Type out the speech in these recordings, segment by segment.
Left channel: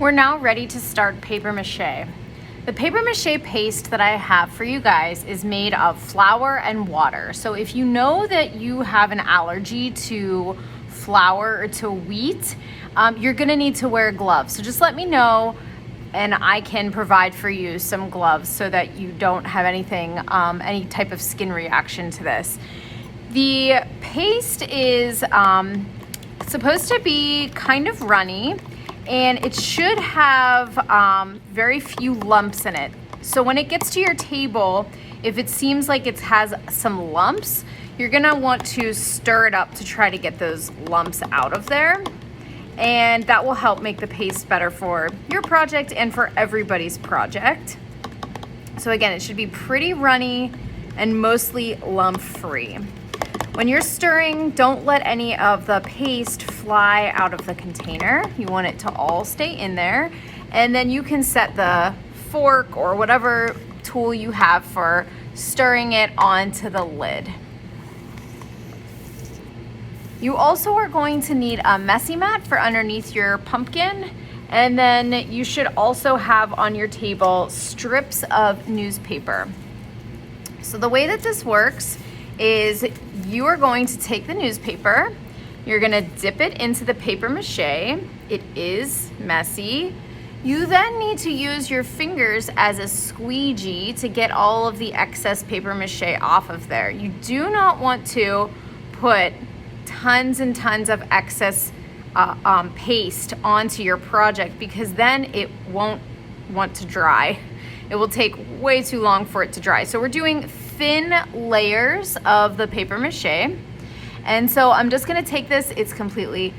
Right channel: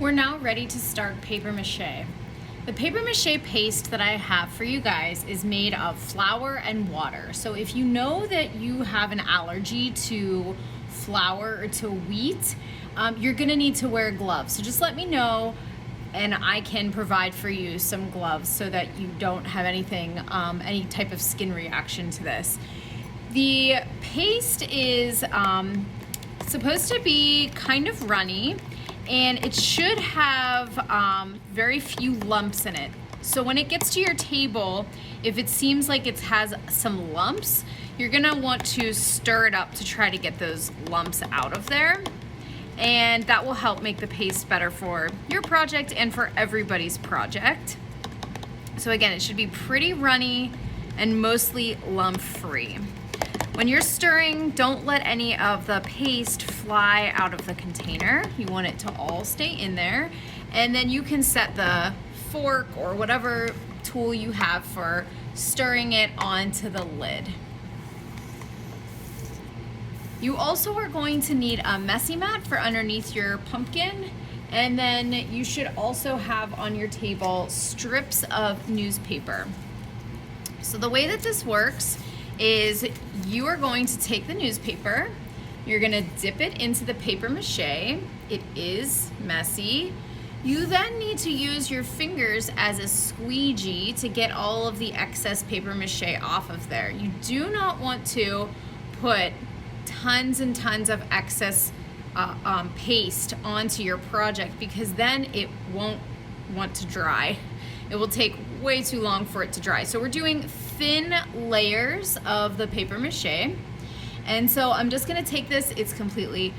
We're now ready to start paper mache. The paper mache paste that I have for you guys is made of flour and water. So if you know that you have an allergy to flour or to wheat, you're gonna need to wear gloves. So just let me know and I can provide for you some gloves so that you don't have anything, any type of skin reaction to this. The paste is supposed to be kind of runny, and it should have very few lumps in it. So when it gets to your table, if it seems like it has some lumps, you're gonna want to stir it up to try to get those lumps out of there. And that will help make the paste better for your project and for everybody's project. So again, it should be pretty runny and mostly lump-free. When you're stirring, don't let any of the paste fly out of the container. You want it to all stay in there. And then you can set the fork or whatever tool you have for stirring it onto the lid. You also are going to need a messy mat for underneath your pumpkin. And then you should also have on your table strips of newspaper. So the way that this works is you are going to take the newspaper, you're gonna dip it into the paper mache. It is messy. You then need to use your fingers as a squeegee to get all of the excess paper mache off of there. You do not want to put tons and tons of excess paste onto your project, because then it won't want to dry. It will take way too long for it to dry. So we're doing thin layers of the paper mache. And so I'm just gonna take this, it's completely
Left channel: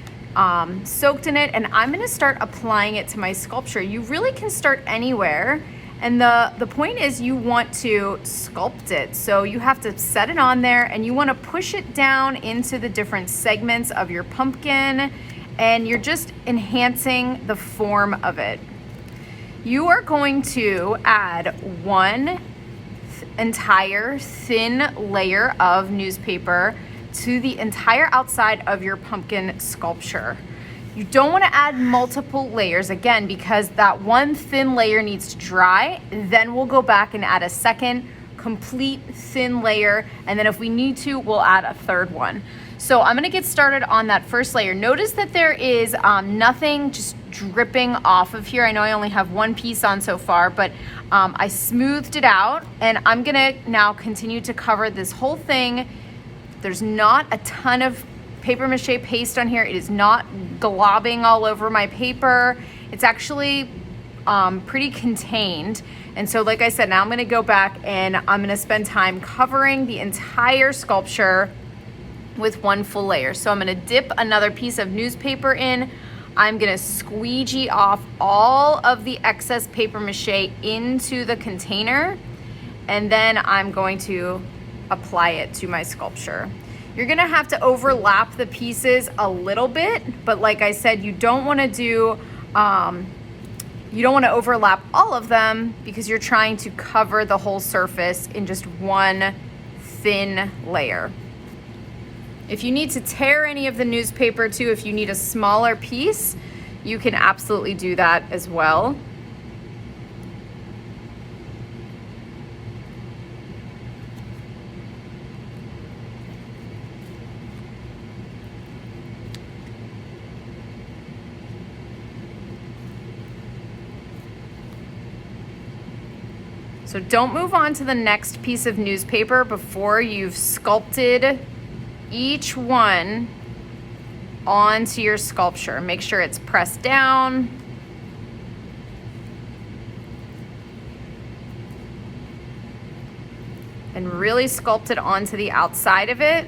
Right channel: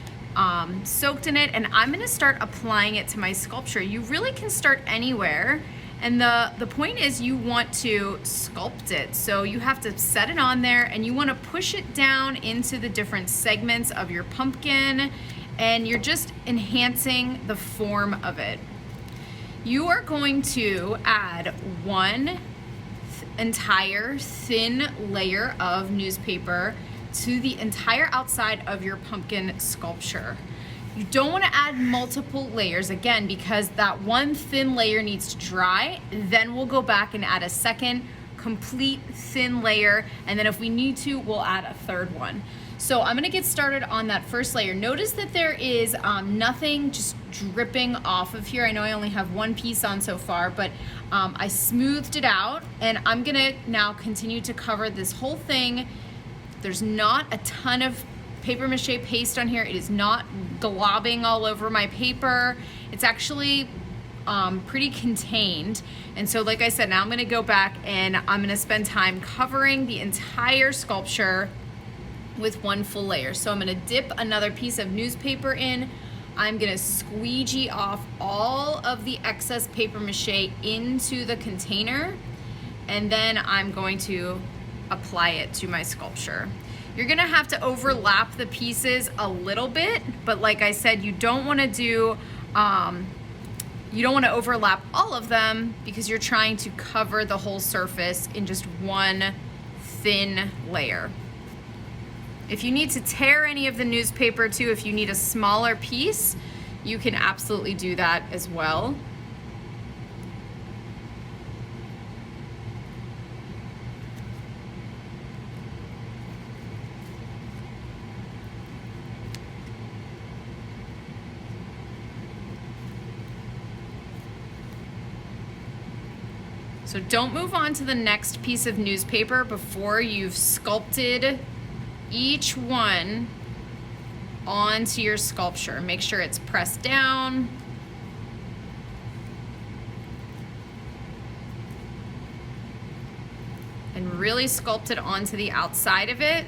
soaked in it, and I'm gonna start applying it to my sculpture. You really can start anywhere. And the point is you want to sculpt it. So you have to set it on there and you wanna push it down into the different segments of your pumpkin, and you're just enhancing the form of it. You are going to add one entire thin layer of newspaper to the entire outside of your pumpkin sculpture. You don't want to add multiple layers, again, because that one thin layer needs to dry. Then we'll go back and add a second complete thin layer, and then if we need to, we'll add a third one. So I'm gonna get started on that first layer. Notice that there is nothing just dripping off of here. I know I only have one piece on so far, but I smoothed it out, and I'm gonna now continue to cover this whole thing. There's not a ton of paper mache paste on here. It is not globbing all over my paper. It's actually pretty contained. And so like I said, now I'm gonna go back and I'm gonna spend time covering the entire sculpture with one full layer. So I'm gonna dip another piece of newspaper in. I'm gonna squeegee off all of the excess paper mache into the container, and then I'm going to apply it to my sculpture. You're gonna have to overlap the pieces a little bit, but like I said, you don't wanna do, you don't want to overlap all of them because you're trying to cover the whole surface in just one thin layer. If you need to tear any of the newspaper too, if you need a smaller piece, you can absolutely do that as well. So don't move on to the next piece of newspaper before you've sculpted each one onto your sculpture. Make sure it's pressed down. And really sculpt it onto the outside of it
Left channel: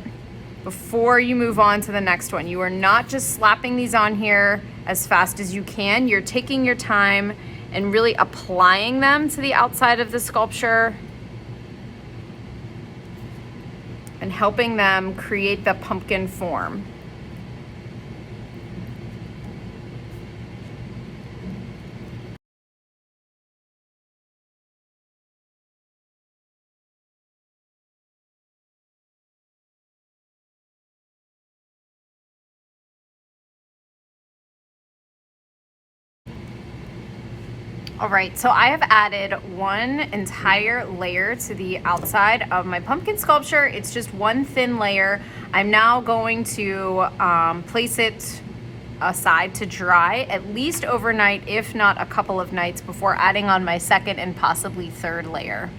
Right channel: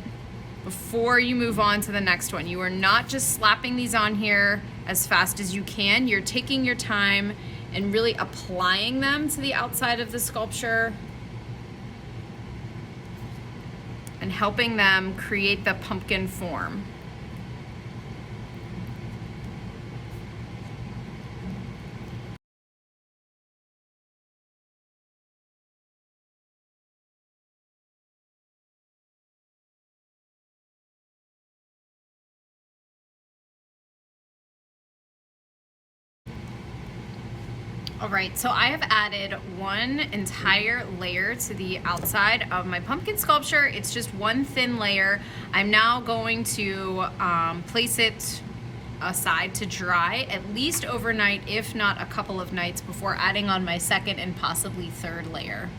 before you move on to the next one. You are not just slapping these on here as fast as you can. You're taking your time and really applying them to the outside of the sculpture and helping them create the pumpkin form. All right, so I have added one entire layer to the outside of my pumpkin sculpture. It's just one thin layer. I'm now going to place it aside to dry at least overnight, if not a couple of nights, before adding on my second and possibly third layer.